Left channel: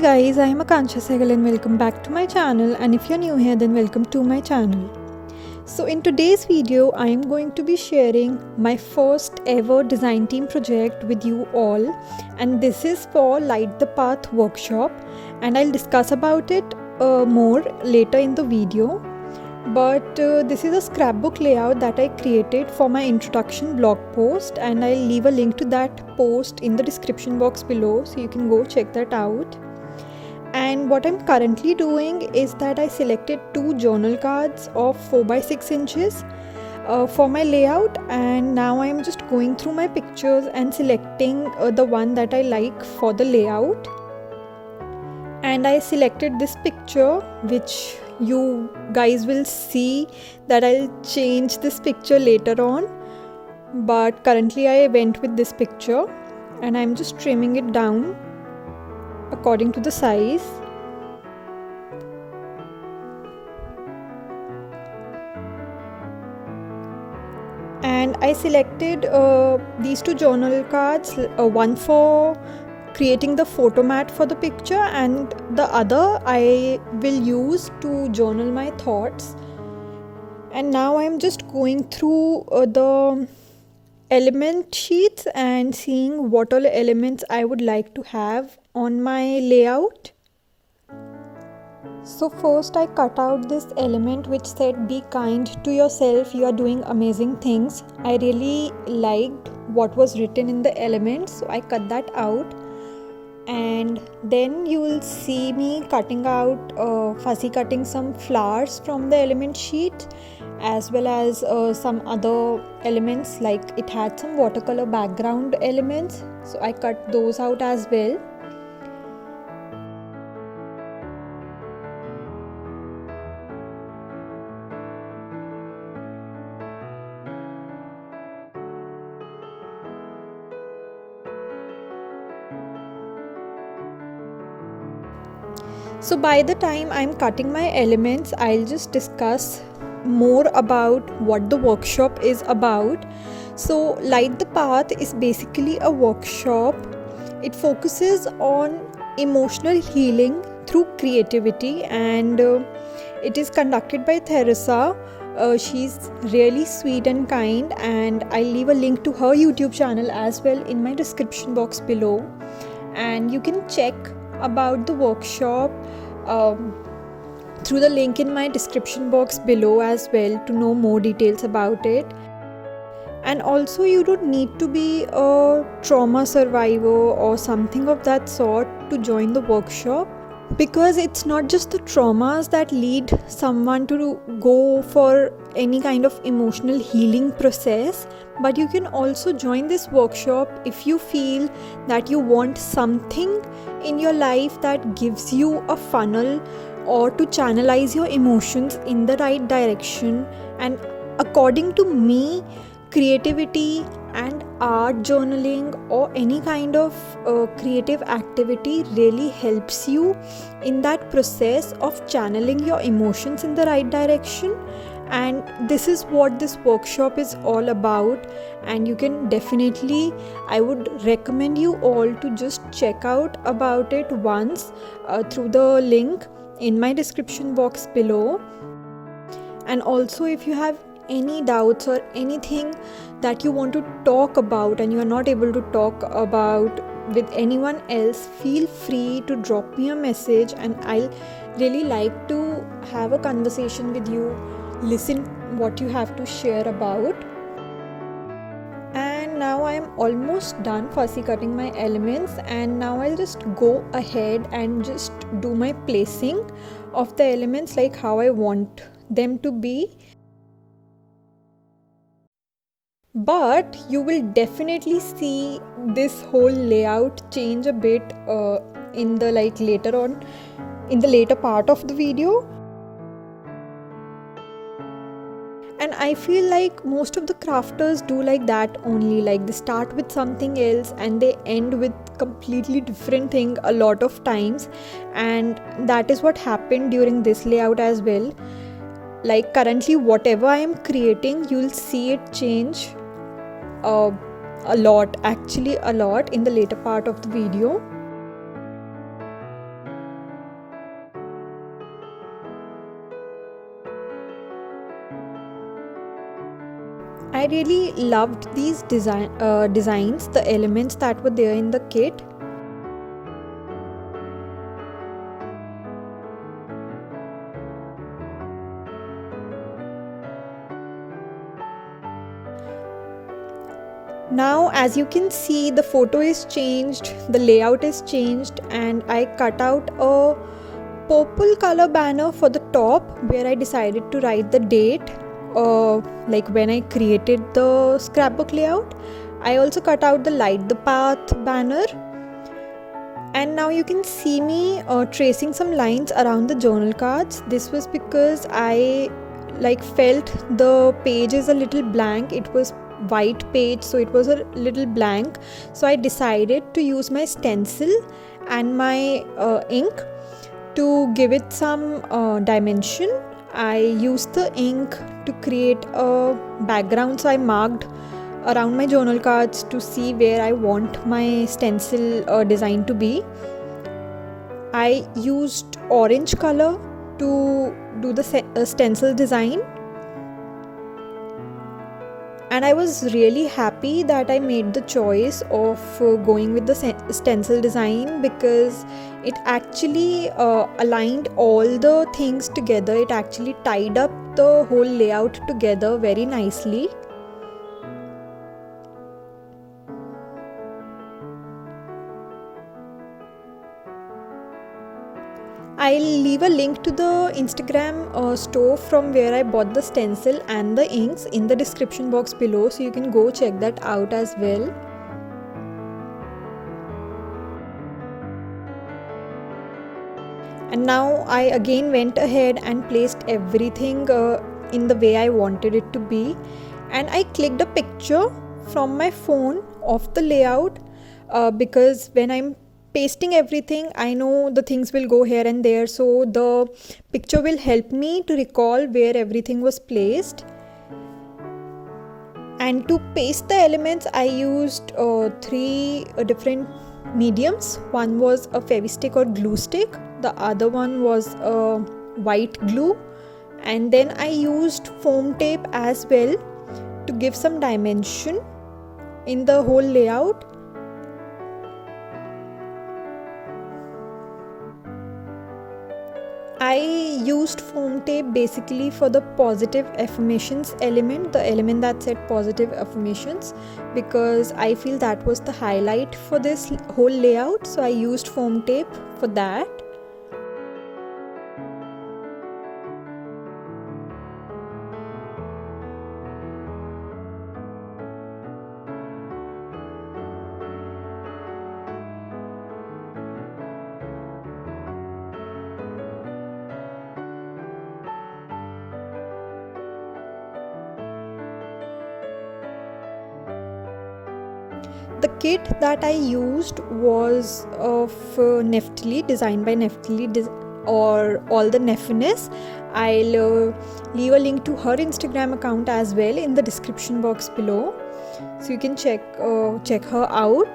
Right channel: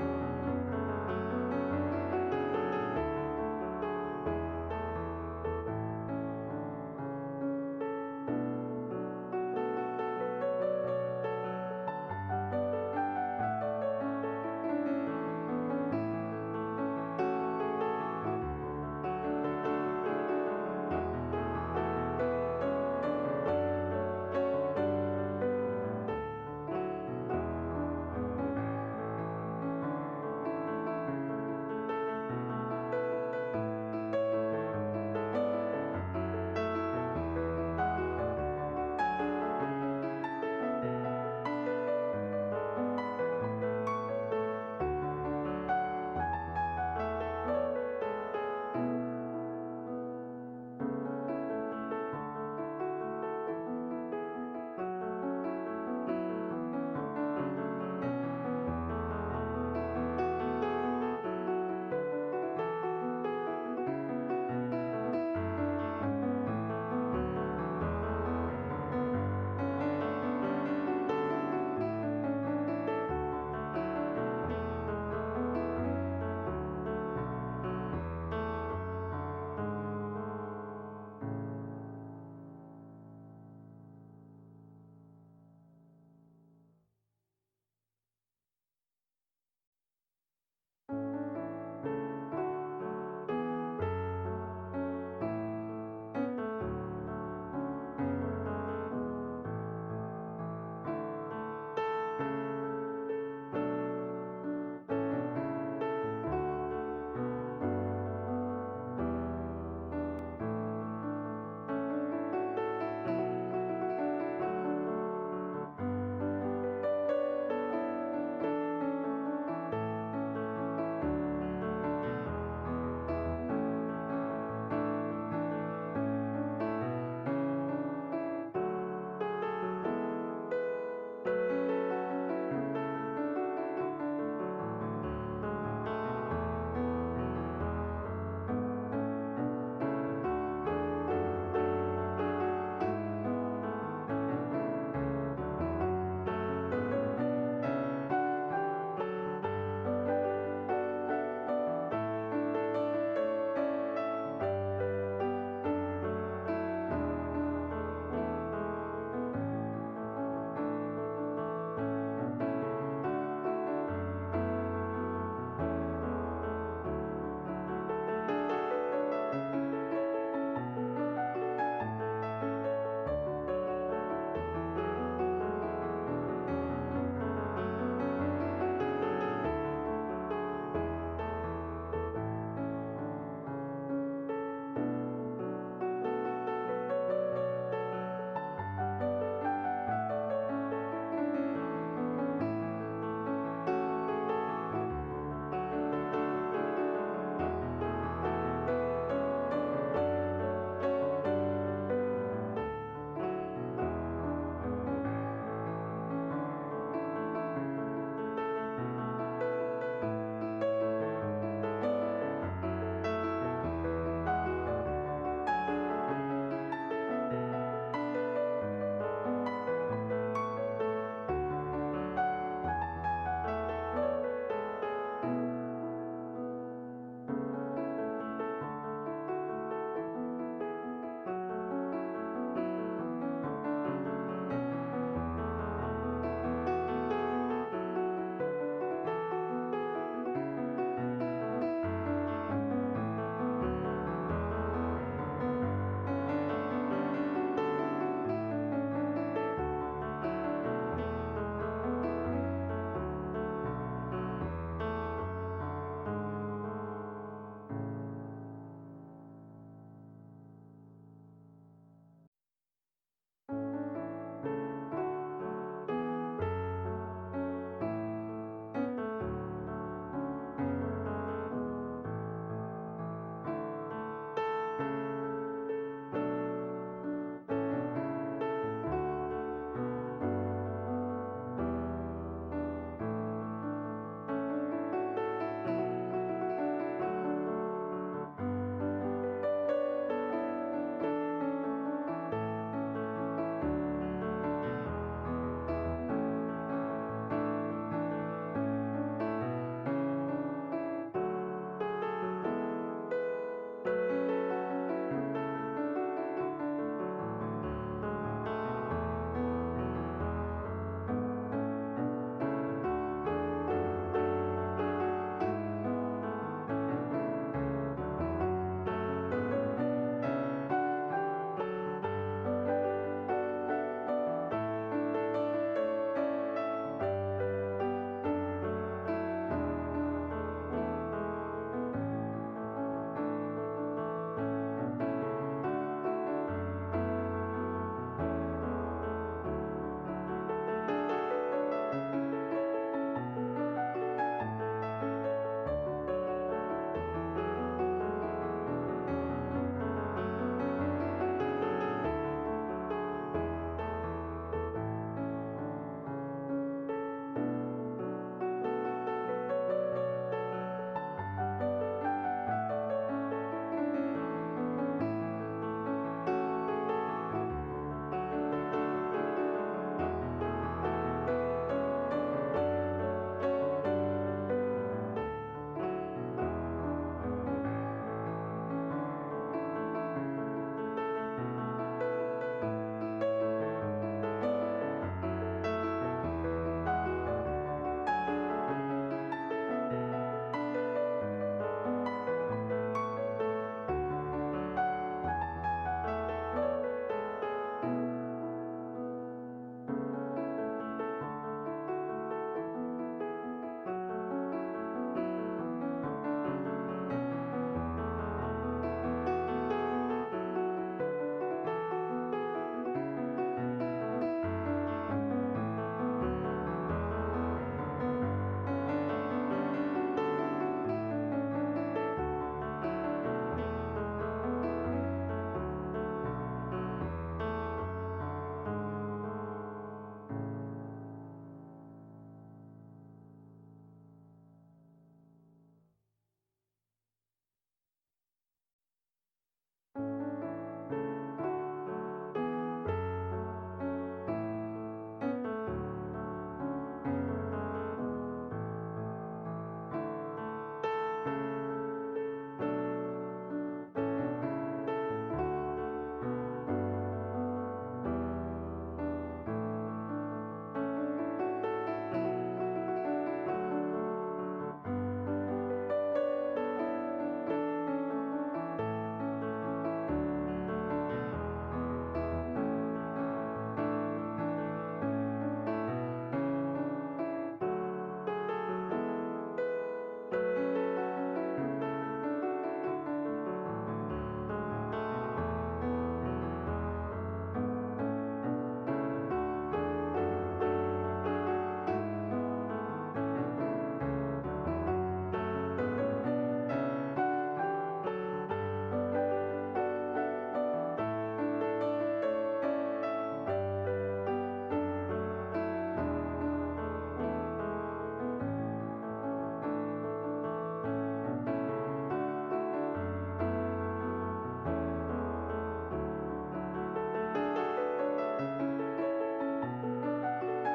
Hi guys, I am Akansha Sahgal and welcome back to my channel, and if you're new here then welcome to my channel. So in today's video I am going to be sharing my first ever design team project with you all, and this is for Light the Path workshop, and I'll discuss about it more later in the video. But this is a scrapbook layout that I created for my introduction blog post, and I'll leave a link to that post in the description box below so you can go check that out. And what I'm currently doing is that I selected two journal cards of 4x6 inches for my layout, and now I'm just going through my pictures and selecting the one that I like for the layout. And I selected this picture, which you guys will see that I'll change this picture later on, but currently I went with this picture and I'm just trimming it down according to the size. And I selected these two journal cards, one for creating the photo mat for the picture and the other I will use to journal my thoughts. And now I'm just going through the element sheets and seeing what all elements I would like to have on my layout. So first I cut out this element which said be kind to yourself, you are doing amazing things. I really liked what was written in the elements, so I cut that out. And then you will see me cutting out fussy cutting some flowers from the element sheet, as well as some other elements, like it had some watercolor background elements, so I cut those out as well. So by the time I'm cutting my elements, I'll just discuss more about what the workshop is about. So Light the Path is basically a workshop. It focuses on emotional healing through creativity, and it is conducted by Theresa. She's really sweet and kind, and I'll leave a link to her YouTube channel as well in my description box below, and you can check about the workshop through the link in my description box below as well to know more details about it. And also you don't need to be a trauma survivor or something of that sort to join the workshop, because it's not just the traumas that lead someone to go for any kind of emotional healing process, but you can also join this workshop if you feel that you want something in your life that gives you a funnel or to channelize your emotions in the right direction. And according to me, creativity and art journaling or any kind of creative activity really helps you in that process of channeling your emotions in the right direction. And this is what this workshop is all about, and you can definitely, I would recommend you all to just check out about it once through the link in my description box below. And also, if you have any doubts or anything that you want to talk about and you are not able to talk about with anyone else, feel free to drop me a message, and I'll really like to have a conversation with you, listen what you have to share about. And now I am almost done fussy cutting my elements, and now I'll just go ahead and just do my placing of the elements like how I want them to be. But you will definitely see this whole layout change a bit in the later on, in the later part of the video. And I feel like most of the crafters do like that only, like they start with something else and they end with completely different thing a lot of times, and that is what happened during this layout as well. Like currently whatever I am creating, you'll see it change a lot, actually a lot, in the later part of the video. I really loved these designs, the elements that were there in the kit. Now as you can see, the photo is changed, the layout is changed, and I cut out a purple color banner for the top where I decided to write the date, like when I created the scrapbook layout. I also cut out the light the path banner, and now you can see me tracing some lines around the journal cards. This was because I felt the page is a little blank. It was white page, so it was a little blank, so I decided to use my stencil and my ink to give it some dimension. I used the ink to create a background, so I marked around my journal cards to see where I want my stencil design to be. I used orange color to do the stencil design, and I was really happy that I made the choice of going with the stencil design, because it actually aligned all the things together. It actually tied up the whole layout together very nicely. I'll leave a link to the Instagram store from where I bought the stencil and the inks in the description box below, so you can go check that out as well. And now I again went ahead and placed everything in the way I wanted it to be, and I clicked a picture from my phone of the layout because when I'm pasting everything, I know the things will go here and there, so the picture will help me to recall where everything was placed. And to paste the elements, I used 3 different mediums. One was a fevistick or glue stick, the other one was white glue, and then I used foam tape as well to give some dimension in the whole layout. I used foam tape basically for the positive affirmations element, the element that said positive affirmations, because I feel that was the highlight for this whole layout, so I used foam tape for that. The kit that I used was of Neftali, designed by Neftali, or all the Neffiness. I'll leave a link to her Instagram account as well in the description box below, so you can check her out.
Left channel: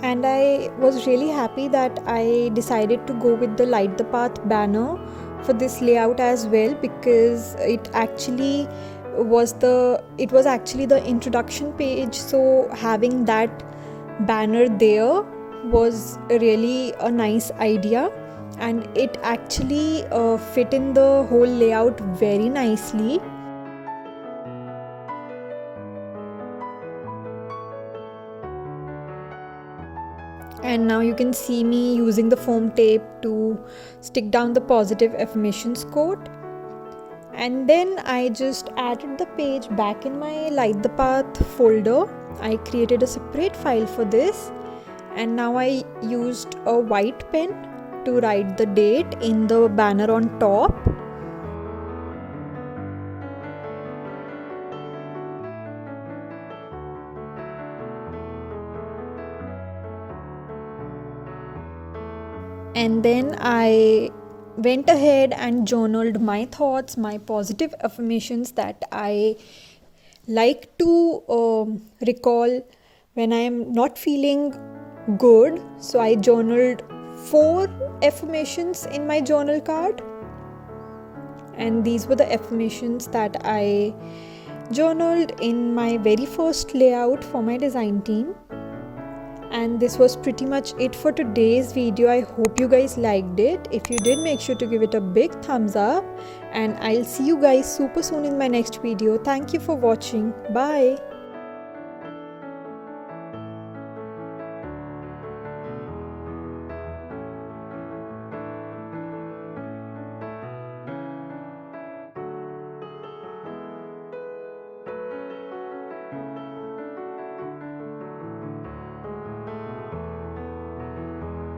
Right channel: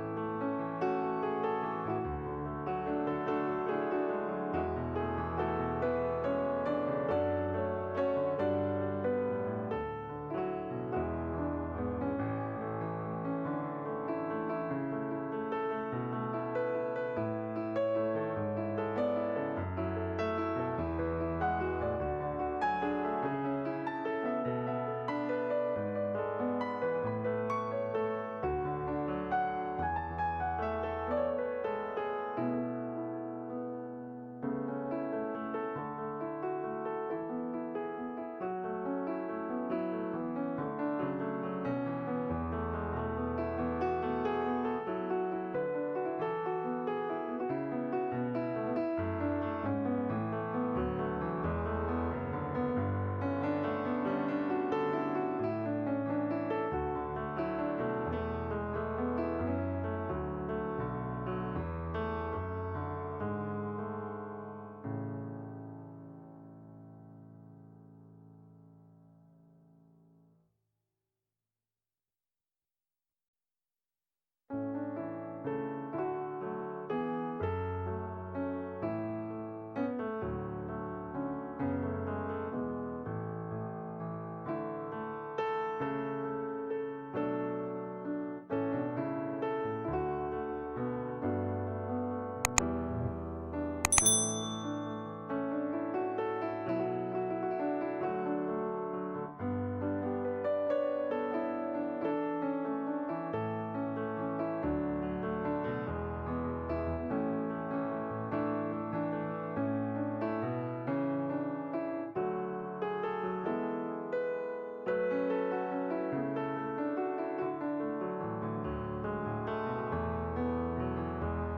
And I was really happy that I decided to go with the light the path banner for this layout as well, because it was actually the introduction page, so having that banner there was really a nice idea, and it actually fit in the whole layout very nicely. And now you can see me using the foam tape to stick down the positive affirmations quote. And then I just added the page back in my Light the Path folder. I created a separate file for this, and now I used a white pen to write the date in the banner on top. And then I went ahead and journaled my thoughts, my positive affirmations that I like to recall when I am not feeling good. So I journaled 4 affirmations in my journal card, and these were the affirmations that I journaled in my very first layout for my design team. And this was pretty much it for today's video. I hope you guys liked it. If you did, make sure to give it a big thumbs up, and I'll see you guys super soon in my next video. Thank you for watching. Bye.